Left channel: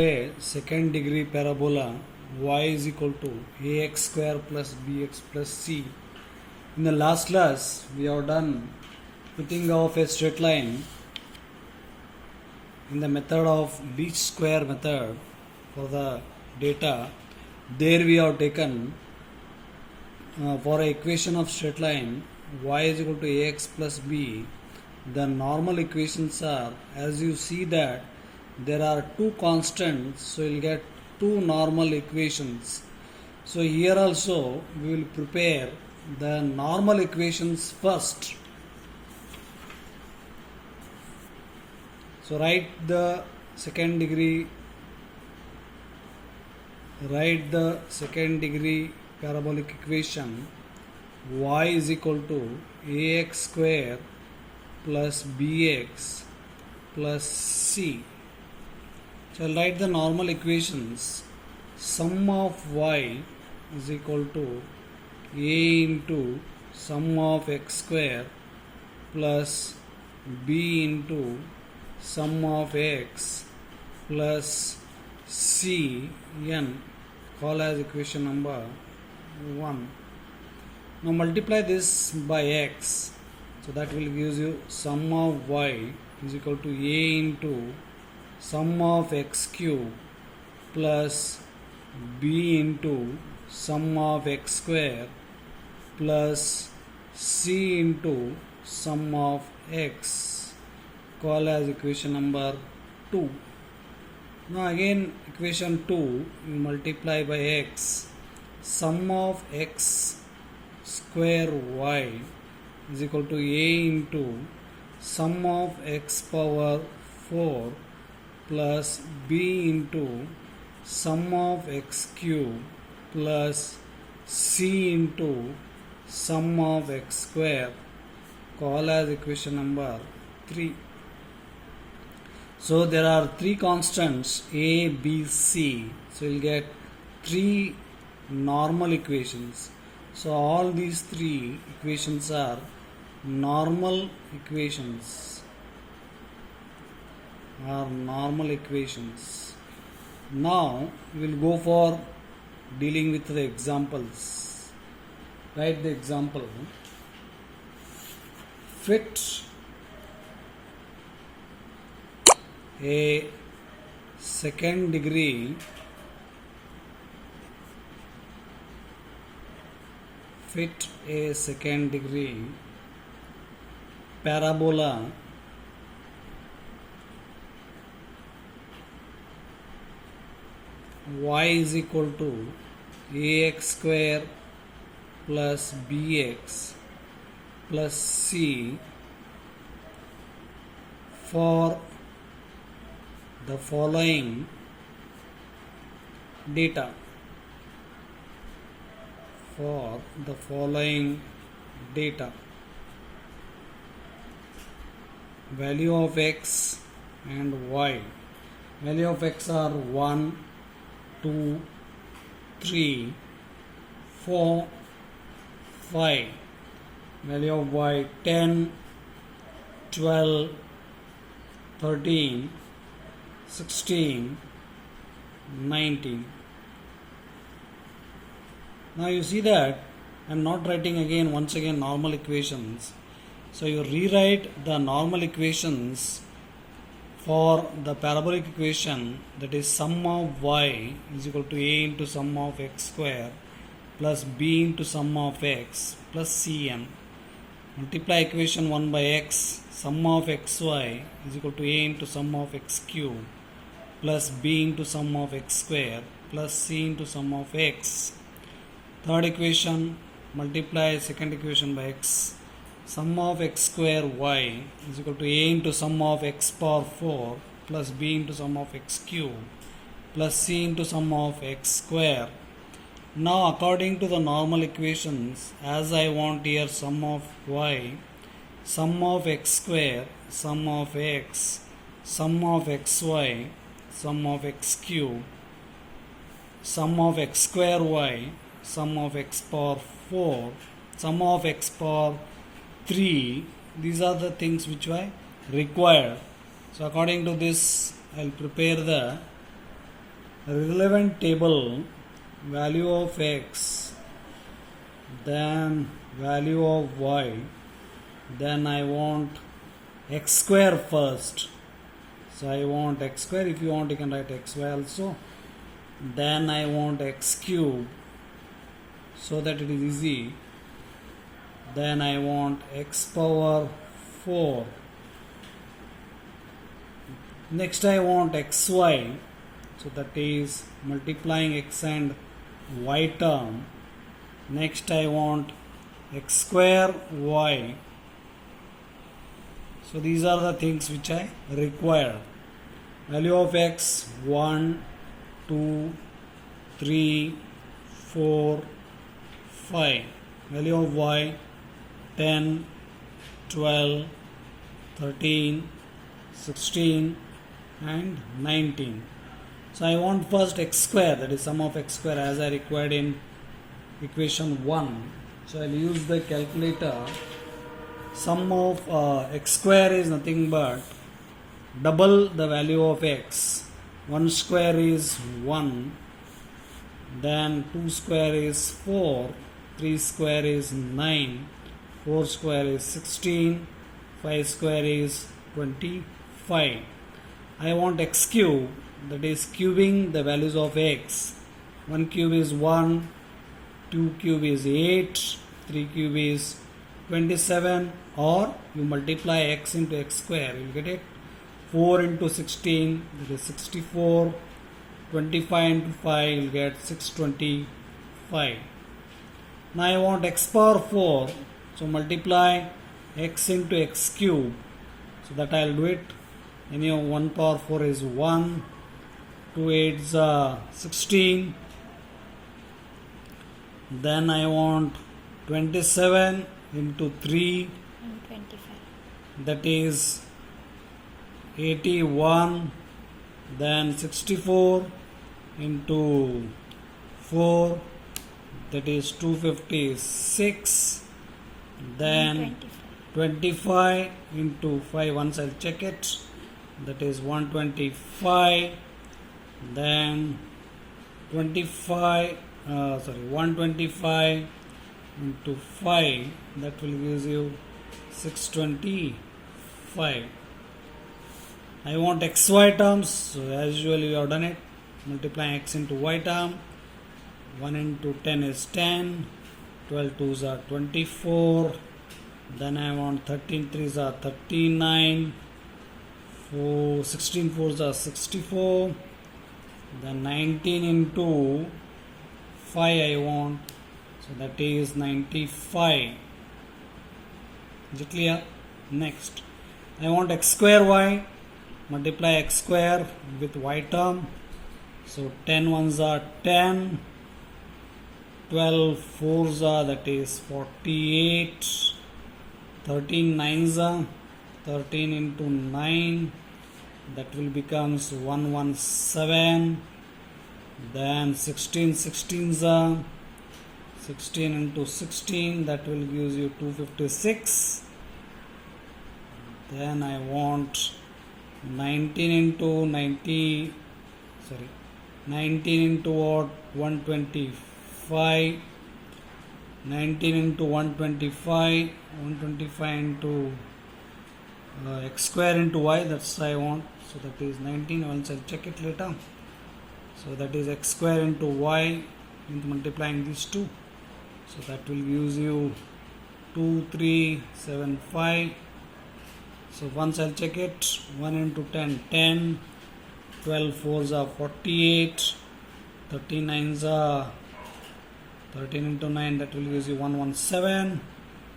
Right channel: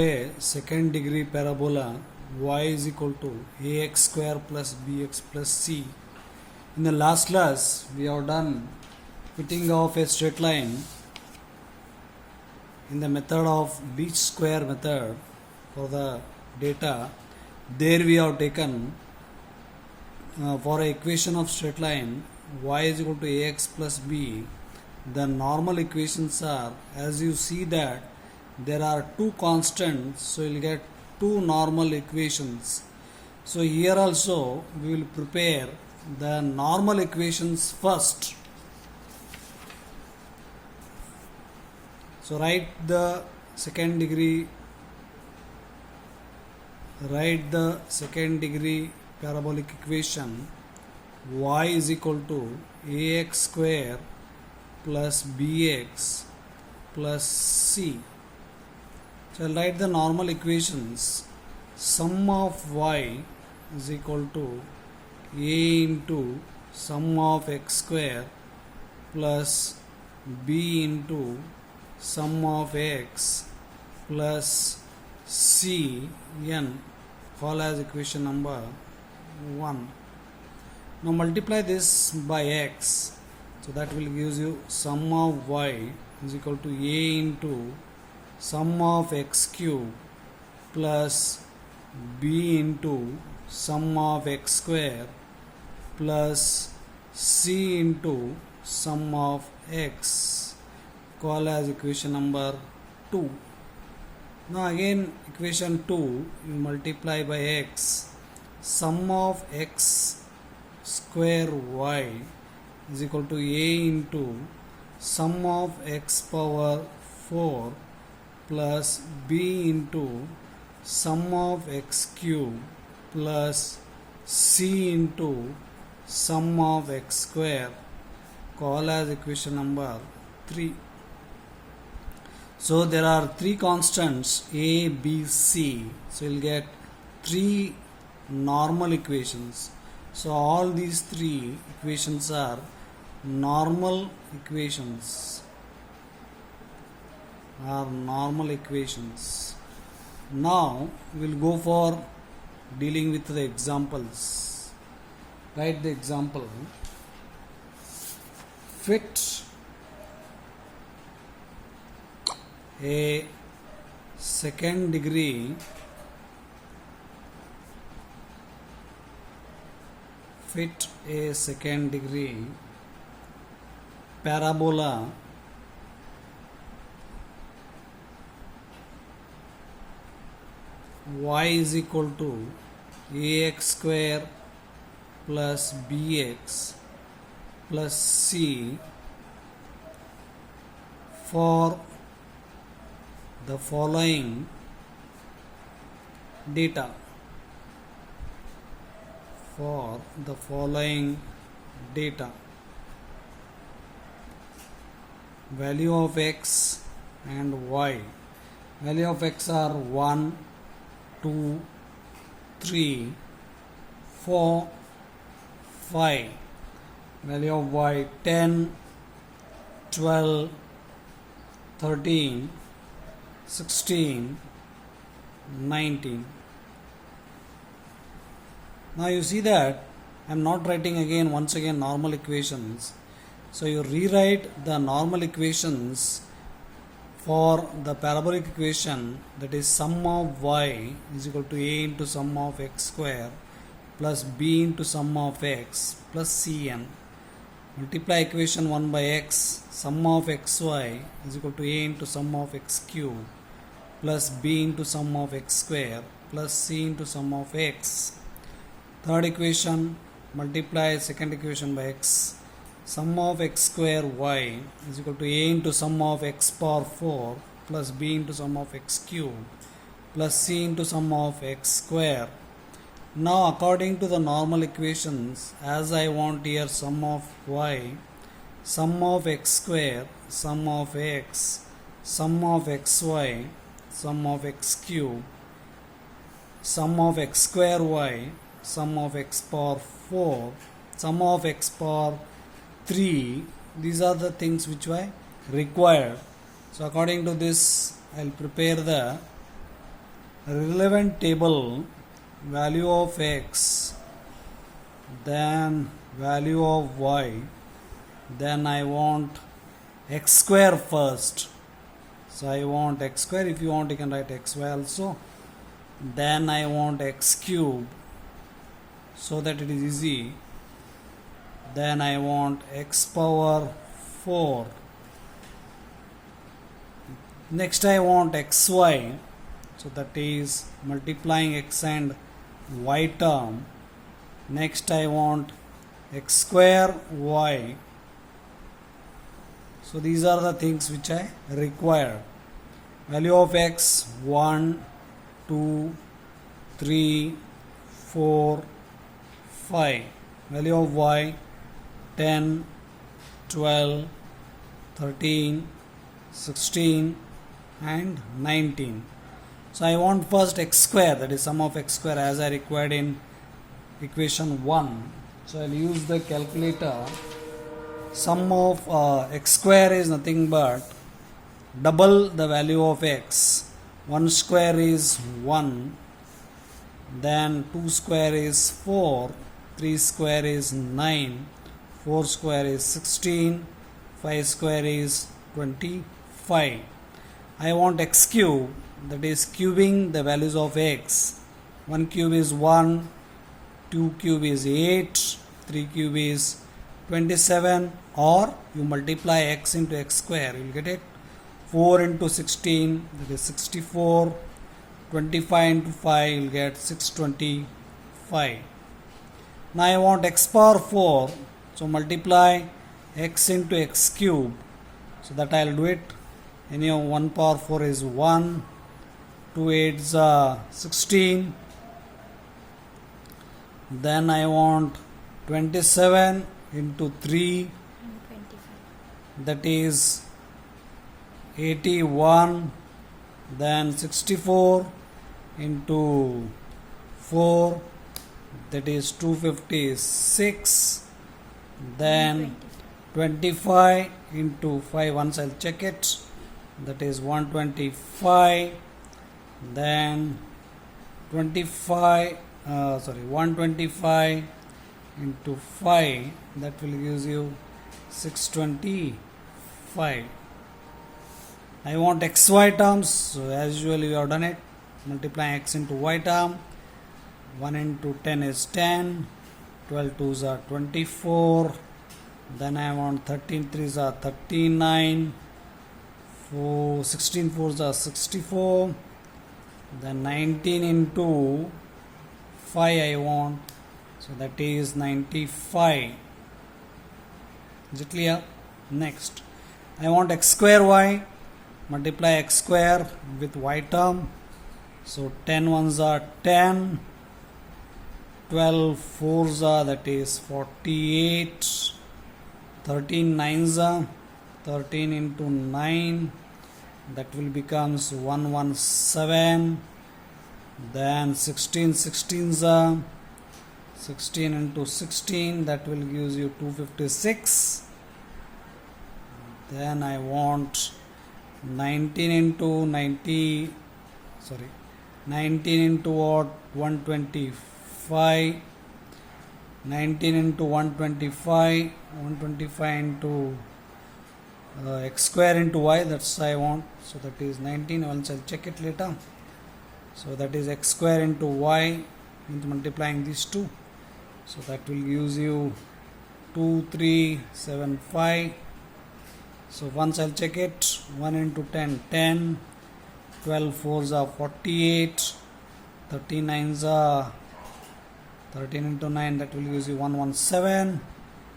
A second degree parabola y is equal to ax square plus bx plus c. In the last class we have done fitting of a straight line in the method of least square method for the data. There we have taken for an equation of straight line y is equal to ax plus b. The normal equations are, as you see that there are two constants, so you will get two normal equations. So here also we will prepare the normal equations first. So write the second degree parabolic equation y is equal to ax square plus bx plus c. So I'll write the normal equations. Sum of y is equal to a into sum of x square plus b into sum of x plus c n, call as equation number 1. Now multiply this by x, so that will give you sum of y is equal to a into sum of x cube plus b into sum of x square plus c into sum of x, call as equation number 2. Now again equation 2, you multiply by x, sum of x square y is equal to a into sum of x power 4 plus b into sum of x cube plus c into sum of x square, call as equation number 3. So there are three constants a, b, c. So you will get three normal equations. So all these three equations are normal equations. Now we will go for dealing with the examples. Write the example. Fit a second degree parabola y is equal to ax square plus bx plus c for the following data. Value of x and y. Value of x are 1, 2, 3, 4, 5. Value of y 10, 12, 13, 16, 19. Now you see that I am not writing once again normal equations. So you rewrite the normal equations for the parabolic equation, that is sum of y is equal to a into sum of x square plus b into sum of x plus cn. Multiply equation 1 by x, sum of xy is equal to a into sum of x cube plus b into sum of x square plus c into sum of x. Third equation, multiply second equation by x, sum of x square y is equal to a into sum of x power 4 plus b into sum of x cube plus c into sum of x square. Now according to the normal equations, as I want here sum of y, sum of x square, sum of x, sum of xy, sum of x cube, sum of x square y, sum of x power 4, sum of x power 3. These are the things which were required. So according to this, I will prepare the relevant table value of x, then value of y, then I want x square first. So I want x square. If you want, you can write xy also. Then I want x cube, so that it is easy. Then I want x power 4. Next I want xy, so that is multiplying x and y term. Next I want x square y. So these are the things which I require. Value of x 1, 2, 3, 4, 5. Value of y 10, 12, 13, 16 and 19. So I want first x square, that is sum of x square, as I required in equation 1. So I will use the calculator. Sum of x square is nothing but double the value of x. 1 square is 1, then 2 square is 4, 3 square is 9, 4 square is 16, 5 square is 25. I want x cube, that is cubing the values of x. 1 cube is 1, 2 cube is 8, 3 cube is 27, or you multiply x into x square, you will get it. 4 into 16, that is 64, 25 into 5, you will get 625. Now I want x power 4, so multiply x into x cube, so that I will do it. Anyhow, 1 power 4 is 1, 2 8s 16. Then I want 27 into 3, and 25. that is 81. Then 64 into 4, that is 256. Then 25 into 5, once I'll check it, that is 125. Then 125 into 5, that will give you 625. I want xy terms, so as usual you have done it, multiplying x into y term. 1 into 10 is 10, 12 2s are 24, then I want 13 3s are 39, 16 4s are 64, then 19 into 5 I want, so that is 95. Is it clear? Next I want x square y, multiply x square with y term, so 10 1s are 10, 12 4s are, that is 48, 13 9s are 13 into 9, that will becomes 117. Then 16 16s are 16 into 16, that will give you 256. Then I want 19 into 90, 19 into what, 125, 19 into 125, 125 into x square into y, that's I want, so that is 19. Once I'll check it later. So that is x square into y, into multiplying these two, so that will use you 2375. So once I'll check it, 1 into 10 10, 12 4s are 48, 39s are 13 into 9, that will use you 117,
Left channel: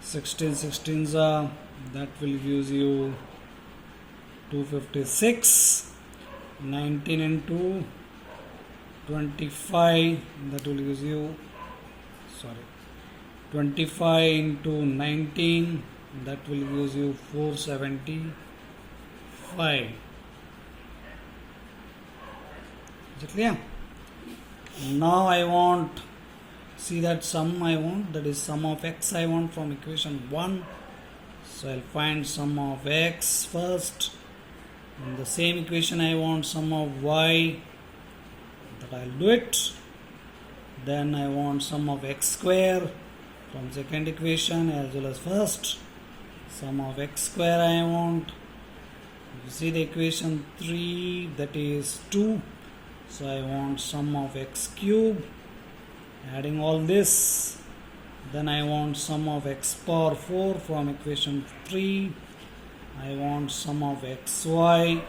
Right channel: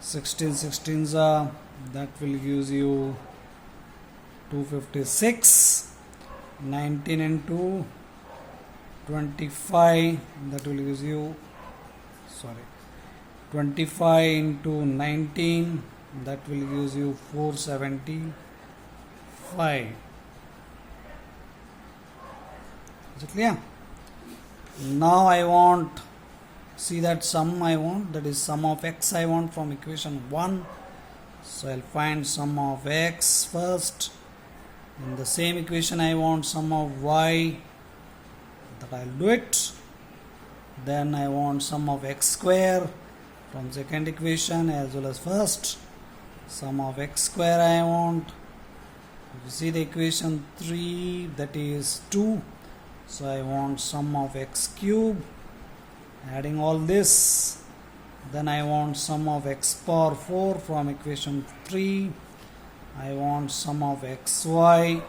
16 16s are, that will use you 256, 19 into 25, that will use you 25 into 19, that will use you 475. Is it clear? Now I want, see that sum I want, that is sum of x I want from equation 1. So I'll find sum of x first. In the same equation I want sum of y. I'll do it. Then I want sum of x square from second equation as well as first. Sum of x square I want. You see the equation 3, that is 2. So I want sum of x cube. Adding all this. Then I want sum of x power 4 from equation 3. I want sum of xy.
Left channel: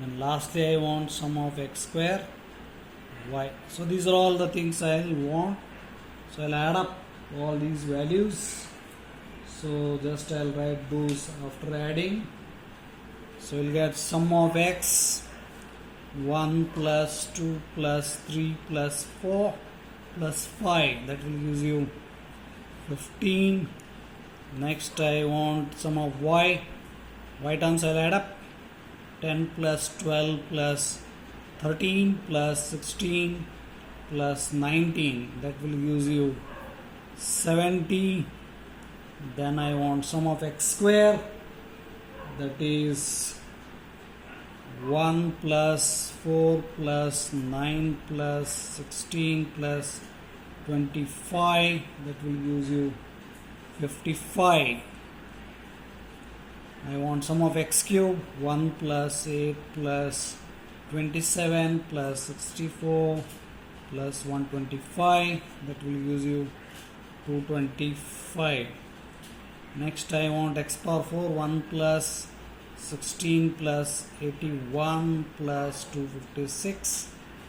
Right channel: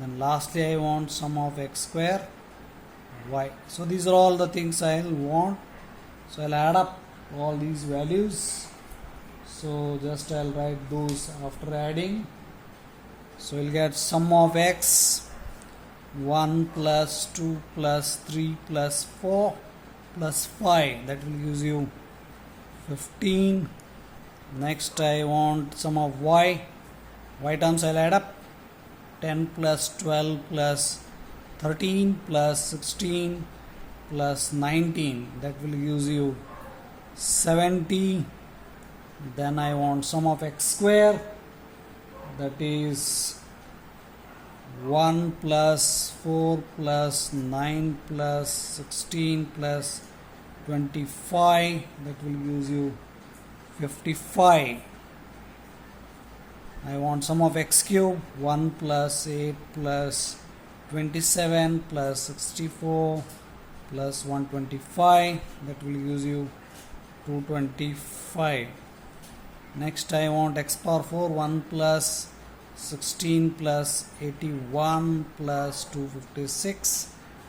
Then lastly I want sum of x square y. So these are all the things I'll want. So I'll add up all these values. So just I'll write those after adding. So we'll get sum of x 1 plus 2 plus 3 plus 4 plus 5. That will gives you 15. Next I want sum of y. Y terms I'll add up. 10 plus 12 plus 13 plus 16 plus 19. That will gives you 70. Then I want sum of x square. That is 1 plus 4 plus 9 plus 16 plus 25. That will gives you 55. I want sum of x cube. 1 plus 8 plus 27 plus 64 plus 125. That will gives you 225. Next I want x power 4. 1 plus 16 plus 81 plus 256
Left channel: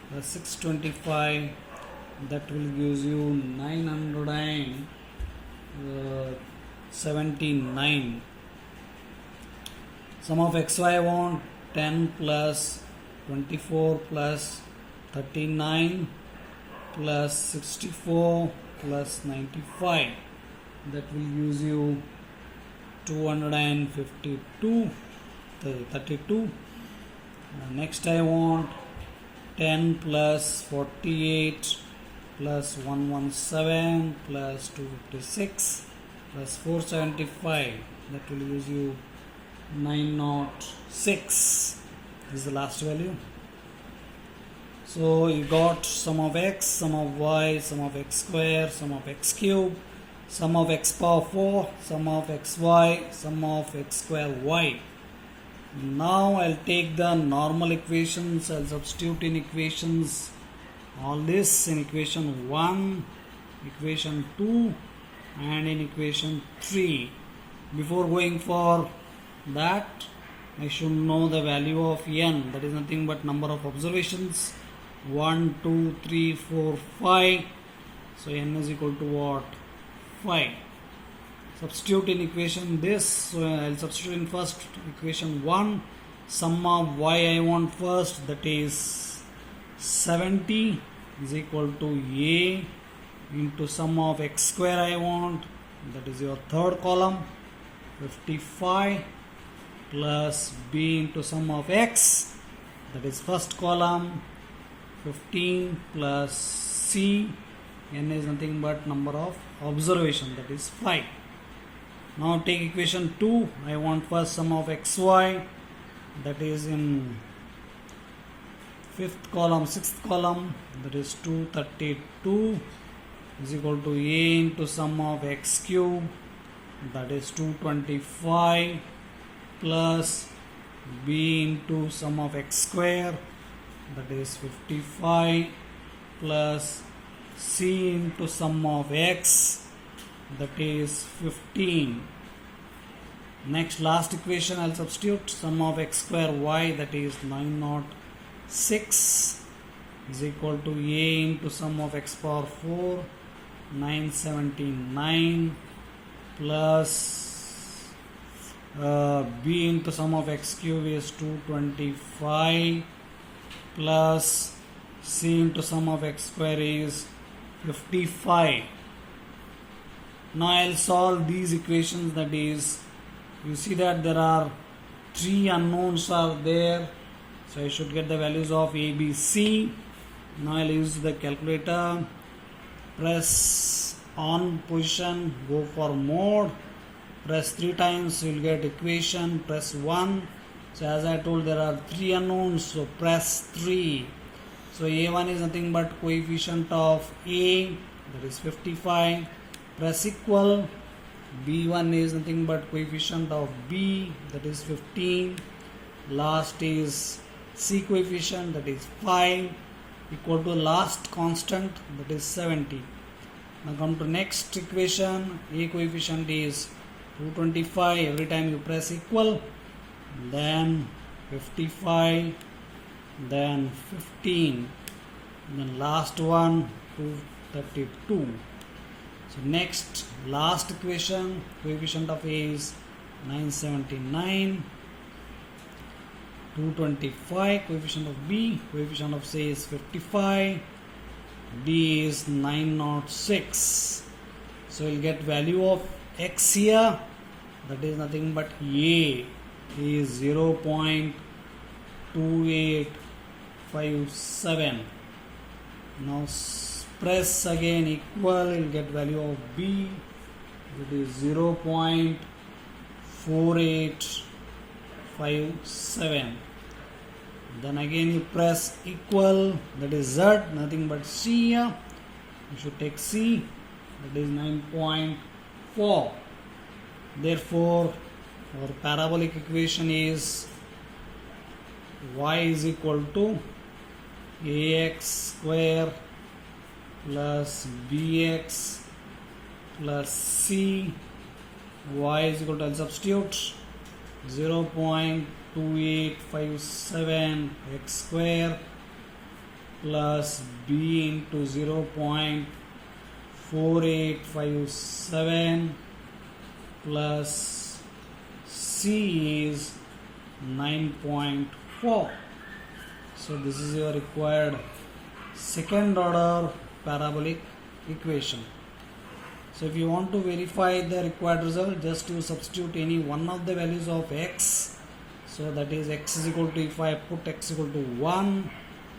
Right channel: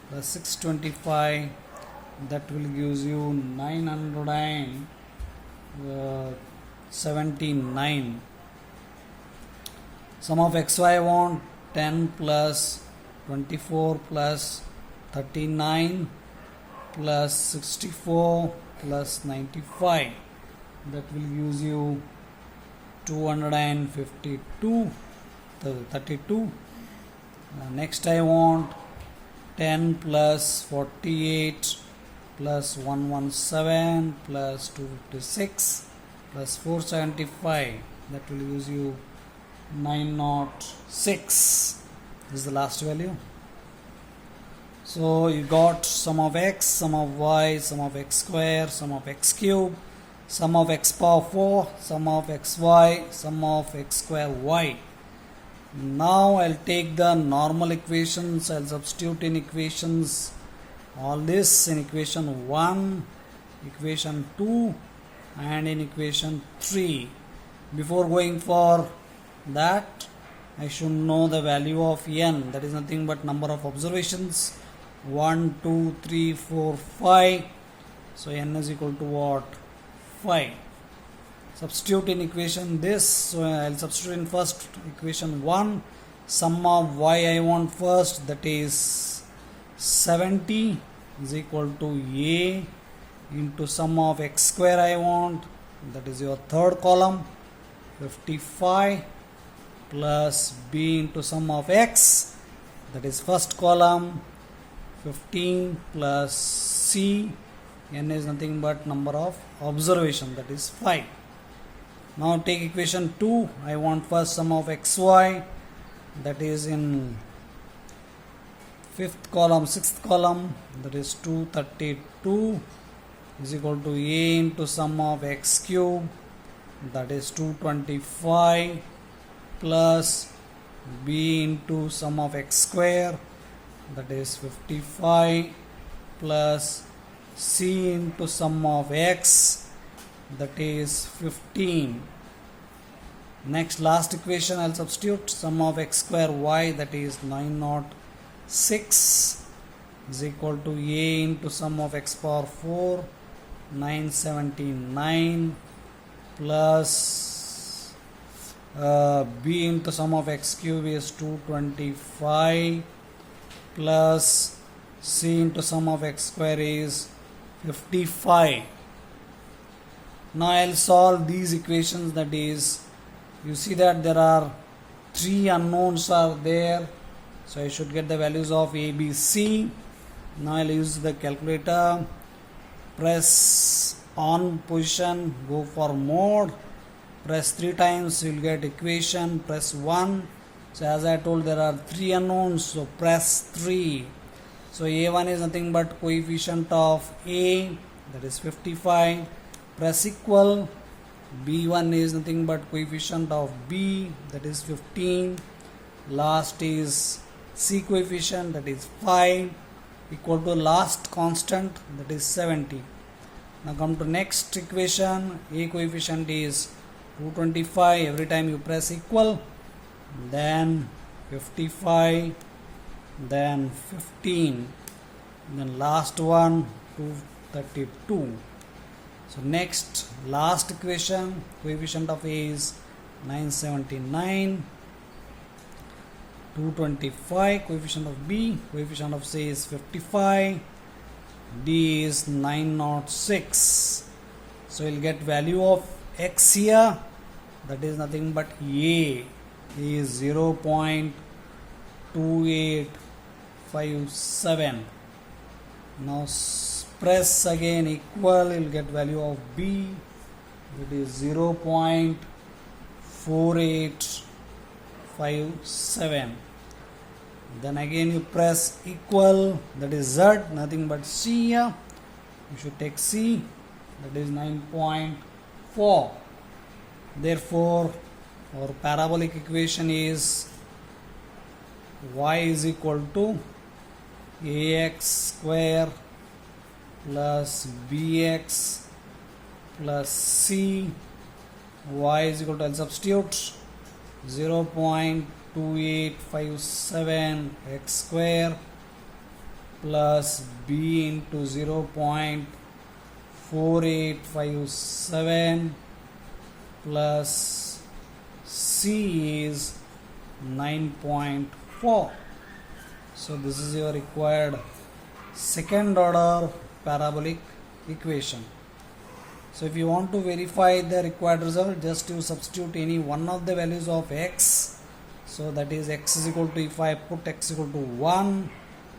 plus 625. That will gives you 979. Sum of xy I want 10 plus 24 plus 39 plus 64 plus 95. That will use you 252, 32. Next I want 10 plus 48 plus 117 plus 256 plus 475. That will use you 906. This is the last value. So you got sum of x, sum of y, sum of x square, sum of x cube, sum of x power 4, sum of xy, sum of x square y. Now I'll take the normal equations. I'll substitute in equations all this in equation 1, equation 2 and in equation 3. Before going for that, I should know the value of n, that is nothing but number of observations. 1, 2, 3, 4, 5. So n is equal to what? 5. Substitute in equation this. So I'll substitute in first equation 1. Sum of y I want first, that is 70 is equal to a into sum of x square I want, that is your third column, 55 plus b into sum of x, that is first column, 15 plus c, n is nothing but number of observation, that is 5. Now take equation 2. I want first sum of xy, that is in fifth column, sixth column, that is 232 is equal to a into sum of x cube, that is 225 plus b into sum of x square, that is 55 plus c into sum of x, that is 15. Next last equation I'll substitute sum of x square y, that is 906 is equal to a into sum of x power 4, 979 plus b into sum of x cube is 225 plus c into sum of x square is 55. Now I'll solve these equations, that is, you see that there are 3 unknowns are there, so I should get the values of a, b, c. Now I'll use the calculator, press on position, go for mode, press 3 times, you will get equation, press 1. So as I told, there are 3 unknowns, so press 3. So a1 is nothing but coefficient of a, that is 55. Press equal. b1 is nothing but coefficient of b, that is 15. Last is c coefficient, that is 5, equal to last constant, that is 70. Now come to next equation. A coefficient is 225. Every time you press equal, then 55, then 15, then last one 232. So next last equation, coefficient of A is 979, 225, coefficient of B, coefficient of C is 55, D is 906. So you'll get value of X here, that is nothing but A is 0.2857. Now press again equal, you'll get value of B, it is 0.4857. Then again you press equal, that is Z, nothing but C here. You should take C, that is 9.4. Therefore our parabolic equation is y is equal to ax square plus bx plus c. Y is equal to, I'll substitute 0.2857 x square plus b into 0.4857 plus c is 9.4. So this is your required second order parabolic equation. So if you want to verify the required result, just to substitute any one of the values of x. So that is x is equal to, if I put x equal to 1,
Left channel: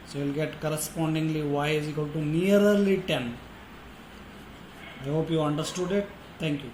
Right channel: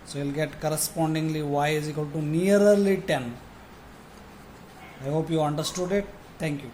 so you'll get correspondingly y is equal to nearly 10. I hope you understood it. Thank you.